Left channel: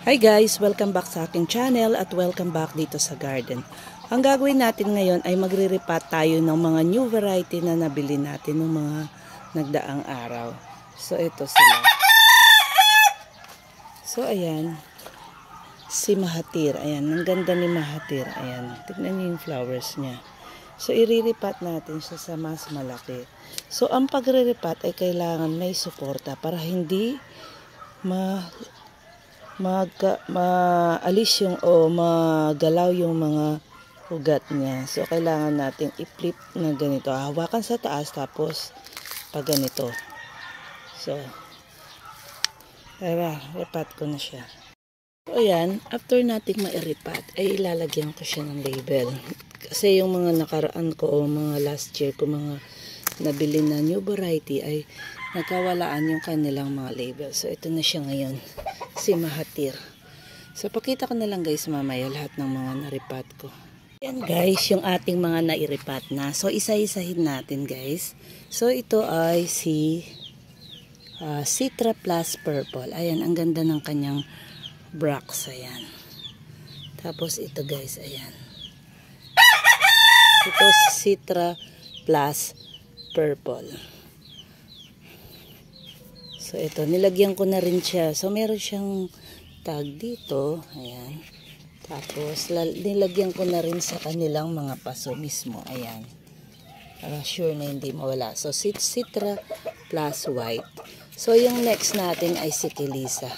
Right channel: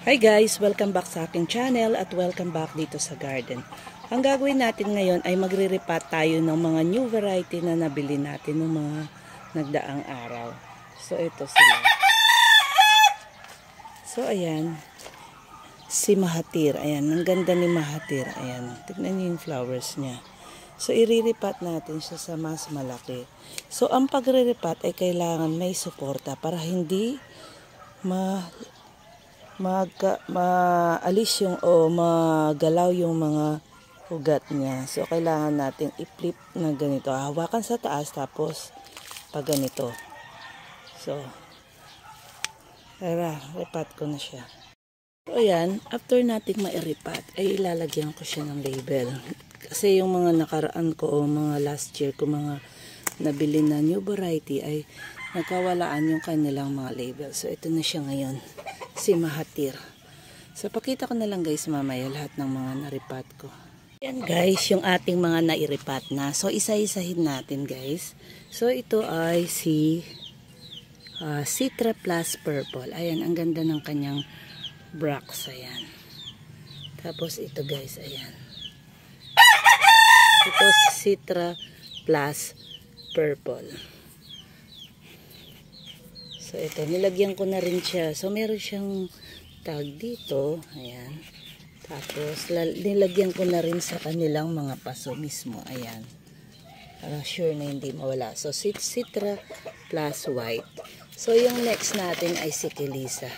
Hi guys! Welcome back sa aking channel at welcome back dito sa garden. Ang gagawin natin ngayon ay magre-repot tayo ng mga new variety na nabili natin ng mga nagdaang araw. So ito sila. So ayan. Si Mahathir. Ayan. Ang ganda ni Mahathir. Ayan. Tignan niyo yung flowers niya. So i-repot natin siya sa mas malaki. So ang pagre-repot ay kailangan may suporta para hindi maalis yung o magalaw yung mga ugat niya. So kailangan natin i-flip na ganito. Hawakan sa taas tapos pag ganito. So repot ko na siya. So ayan, after nating ma-repot ay ilalagyan ko siya ng label. Kasi yung mga nakaraan ko o mga last year ko mga nabili na new variety ay nagkawalaan yung kanilang mga label. So ito na siya ngayon. Si Mahathir. So pakita ko na lang guys mamaya lahat ng mga na-repot ko. Yan guys, yung ating mga na-repot na. So isa-isahin natin guys. So ito ay si Citra Plus Purple. Ayan, ang ganda ng kanyang bracts. Ayan. Tapos ito guys, ayan. Ito si Citra Plus Purple. So ito, nilagyan ko na rin siya. So meron siyang tag dito. Ayan. Tapos nilagyan ko na rin sa kanilang mga paso mismo. Ayan. Para sure na hindi mawala. So Citra Plus White. So yung next natin ay si Kilisa.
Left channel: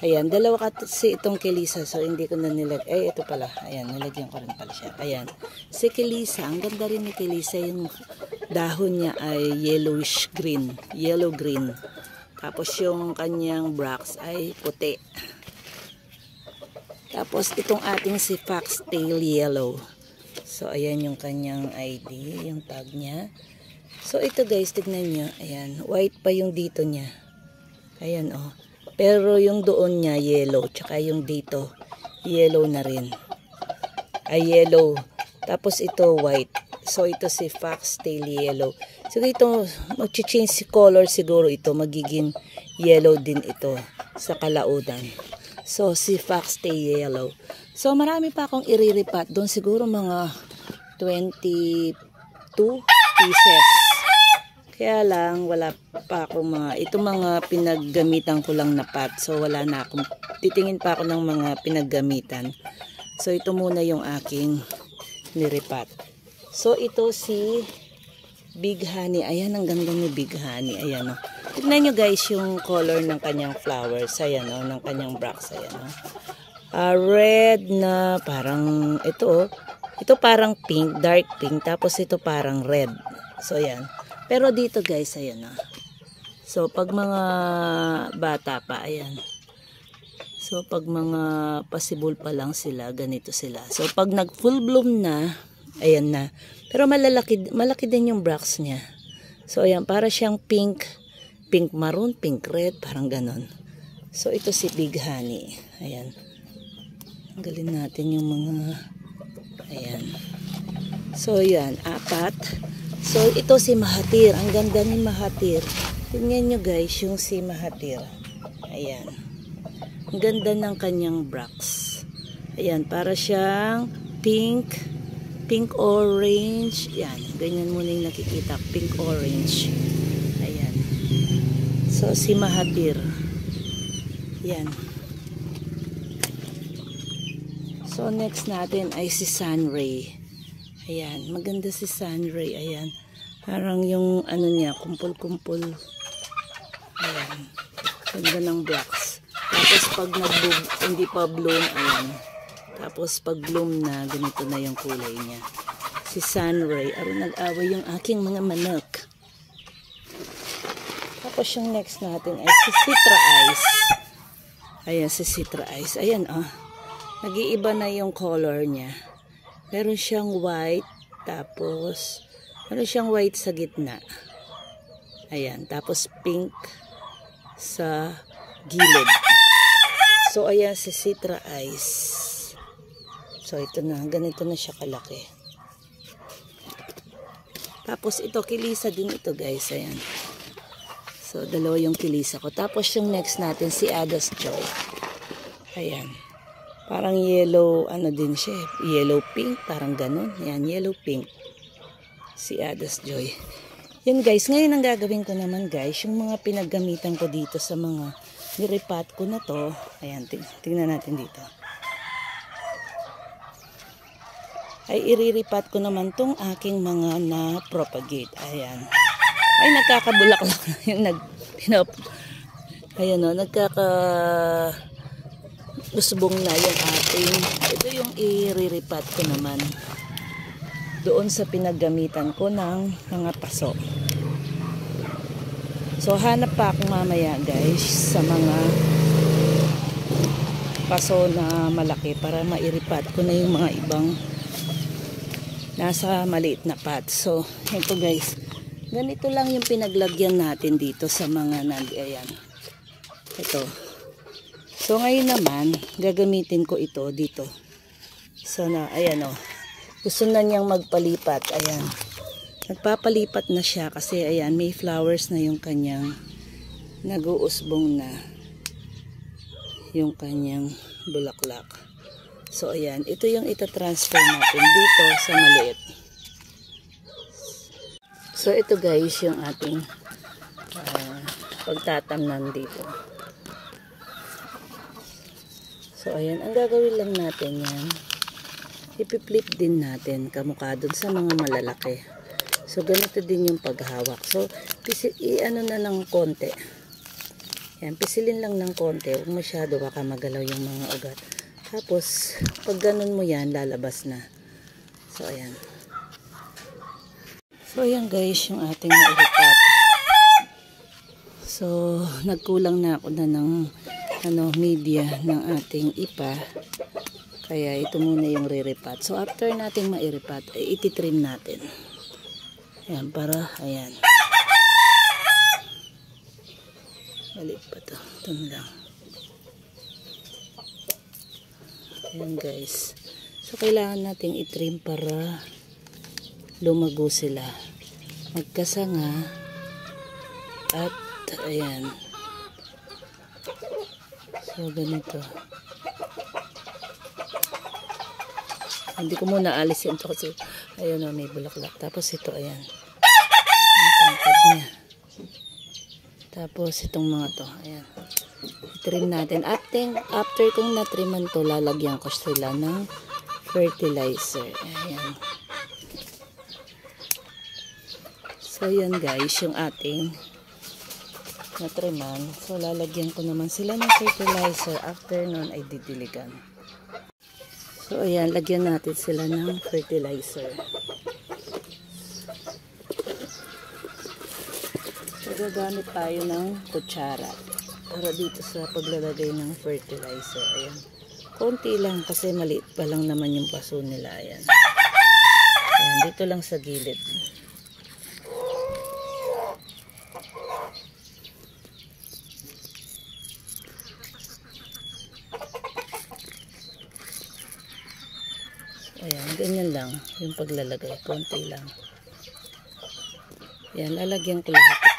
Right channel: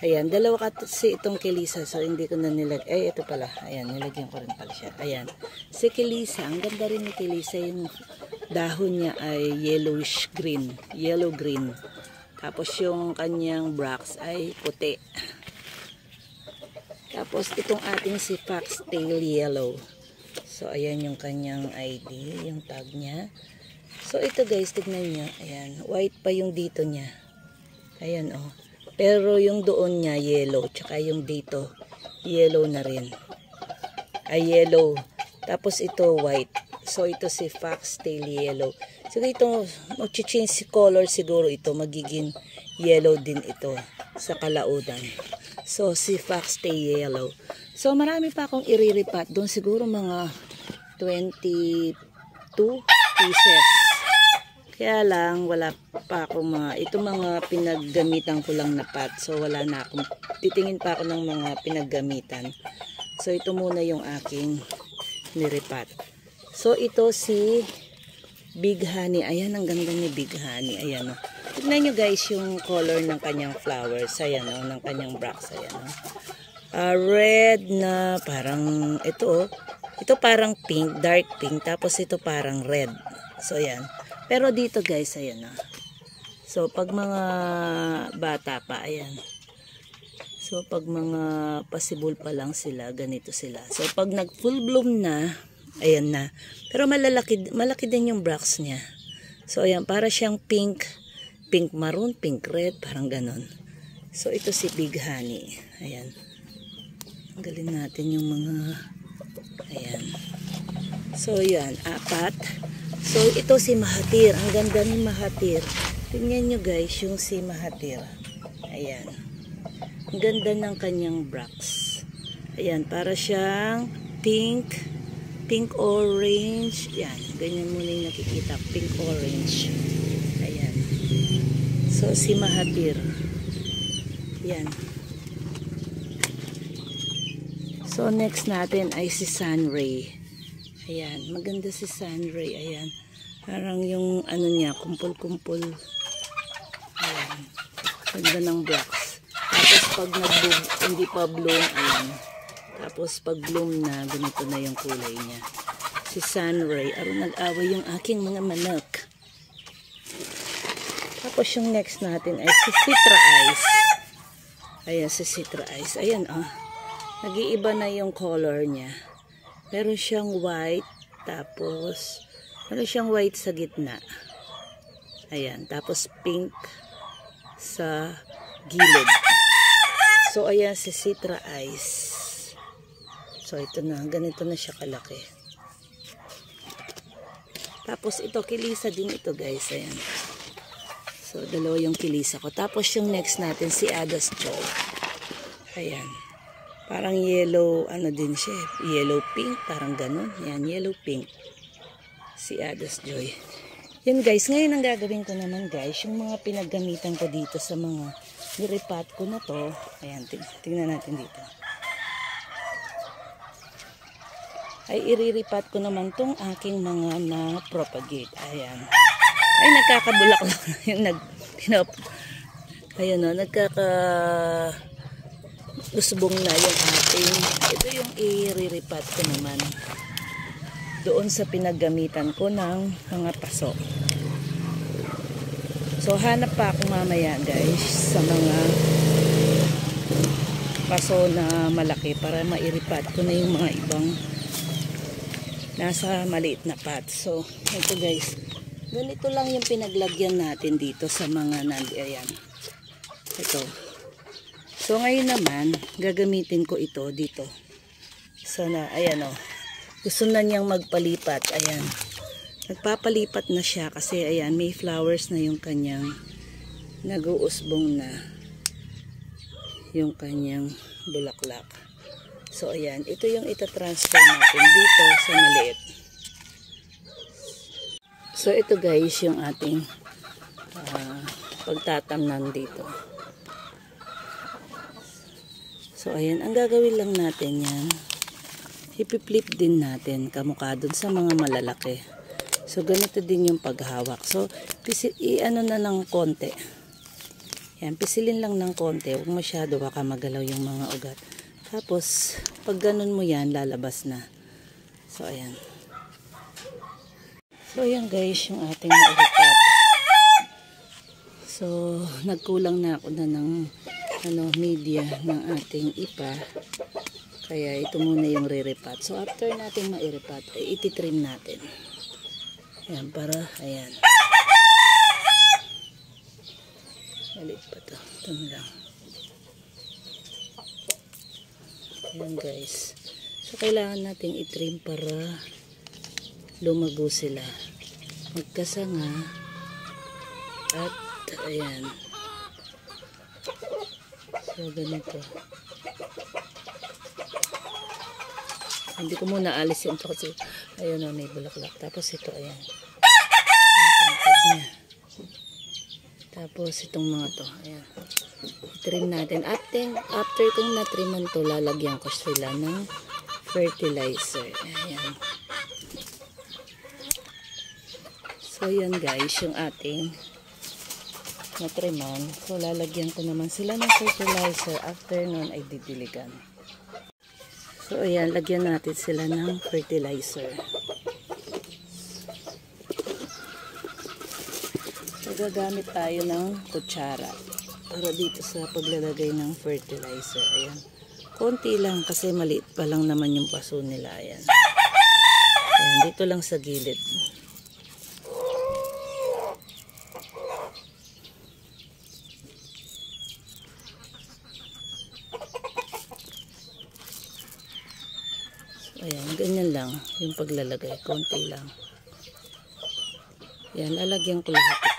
Ayan. Dalawa kasi itong Kilisa. So hindi ko na nilagyan. Eh ito pala. Ayan. Nilagyan ko rin pala siya. Ayan. Si Kilisa. Ang ganda rin ni Kilisa. Yung dahon niya ay yellowish green. Yellow green. Tapos yung kanyang bracts ay puti. Tapos itong ating si Foxtail Yellow. So ayan yung kanyang ID, yung tag niya. So ito guys, tignan nyo. Ayan, white pa yung dito niya. Ayan oh. Pero yung doon niya yellow. Tsaka yung dito yellow na rin. Ay yellow. Tapos ito white. So ito si Foxtail Yellow. So ito, mag-change si color siguro ito. Magiging yellow din ito sa kalaudan. So si Foxtail Yellow. So marami pa akong i-repot. Doon siguro mga 22 pieces. Kaya lang wala pa akong mga, itong mga pinaggamitan ko lang na pot. So wala na akong, titingin pa ako ng mga pinaggamitan. So ito muna yung aking nirepot. So ito si Big Honey. Ayan, ang ganda ni Big Honey. Ayan o. Tignan nyo guys yung color ng kanyang flowers. Ayan o, ng kanyang bracts. Ayan o. Red na parang, ito o. Ito parang pink, dark pink. Tapos ito parang red. So ayan. Pero dito guys, ayan o. So pag mga bata pa, ayan. So pag mga possible pa lang sila, ganito sila. So pag nag full bloom na, ayan na. Pero malaki din yung bracts niya. So ayan, para siyang pink, pink maroon, pink red, parang ganon. So ito si Big Honey. Ayan. Tanggalin natin yung mga, ayan. So yan, 4. So ito si Mahathir. Ang ganda ni Mahathir. Tingnan nyo guys yung si Mahathir. Ayan. Ang ganda ng kanyang bracts. Ayan, para siyang pink, pink orange. Yan, ganyan muna yung nakikita, pink orange. Ayan. So si Mahathir. Yan. So next natin ay si Sunray. Ayan, maganda si Sunray. Ayan. Parang yung ano niya, kumpul-kumpul. Ayan. Ganda ng blocks. Tapos pag nag-bloom, hindi pa bloom, ayan. Tapos pag bloom na, ganito na yung kulay niya. Si Sunray. Aron nag-away yung aking mga manok. Tapos yung next natin ay si Citra Ice. Ayan, si Citra Ice. Ayan, oh. Nag-iiba na yung color niya. Meron siyang white. Tapos, meron siyang white sa gitna. Ayan. Tapos pink sa gilid. So, ayan si Citra Ice. So, ito na. Ganito na siya kalaki. Tapos, ito, Kilisa din ito, guys. Ayan. So, dalawa yung Kilisa ko. Tapos, yung next natin, si Adas Joy. Ayan. Parang yellow, ano din siya, yellow pink, parang ganun. Ayan, yellow pink. Si Adas Joy. Yan guys, ngayon ang gagawin ko naman guys, yung mga pinaggamitan ko dito sa mga niripat ko na to. Ayan, tingnan natin dito. Ay iriripat ko naman tong aking mga na-propagate. Ayan. Ay nagkakabulaklak na yung ayan o, usbong na yung ating. Ito yung iriripat ko naman doon sa pinaggamitan ko ng mga paso. So hanap pa ako mamaya guys sa mga paso na malaki para mairipat ko na yung mga ibang nasa maliit na pot. So ito guys, ganito lang yung pinaglagyan natin dito sa mga ayan. Ito. So ngayon naman gagamitin ko ito dito. So ayan o. Gusto na niyang magpalipat. Ayan. Nagpapalipat na siya kasi ayan, may flowers na yung kanyang nag-uusbong na yung kanyang bulaklak. So ayan, ito yung itatransfer natin dito sa maliit. So ito guys, yung ating pagtatamnan dito. So ayan, ang gagawin lang natin yung ipiflip din natin kamukha dun sa mga malalaki. So ganito din yung paghawak. So i-ano na ng konti. Yan, pisilin lang ng konti. Huwag masyado baka magalaw yung mga ugat. Tapos pag ganun mo yan, lalabas na. So ayan. So ayan guys, yung ating nairipat. So nagkulang na ako na ng media ng ating ipa. Kaya ito muna yung re-repat. So after natin mairipat, ay ititrim natin. Ayan, para, ayan. Maliit pa to. Ito lang. Ayan guys. So kailangan natin itrim para lumago sila. Magkasanga. At ayan. So ganito. Hindi ko muna alisin ito kasi ayun na may bulaklak. Tapos ito ayan. Ang tangkad niya. Tapos itong mga to. Ayan. I-trim natin. After kong natriman to, lalagyan ko sila ng fertilizer. Ayan. So ayan guys, yung ating natriman. So lalagyan ko naman sila ng fertilizer. After nun ay didiligan. So ayan, lagyan natin sila ng fertilizer. So gagamit tayo ng kutsara para dito sa paglalagay ng fertilizer. Ayan. Konti lang kasi maliit pa lang naman yung paso nila. Ayan. Ayan, dito lang sa gilid. Ayan, ganyan lang yung paglalagay. Konti lang. Ayan, lalagyan ko lahat.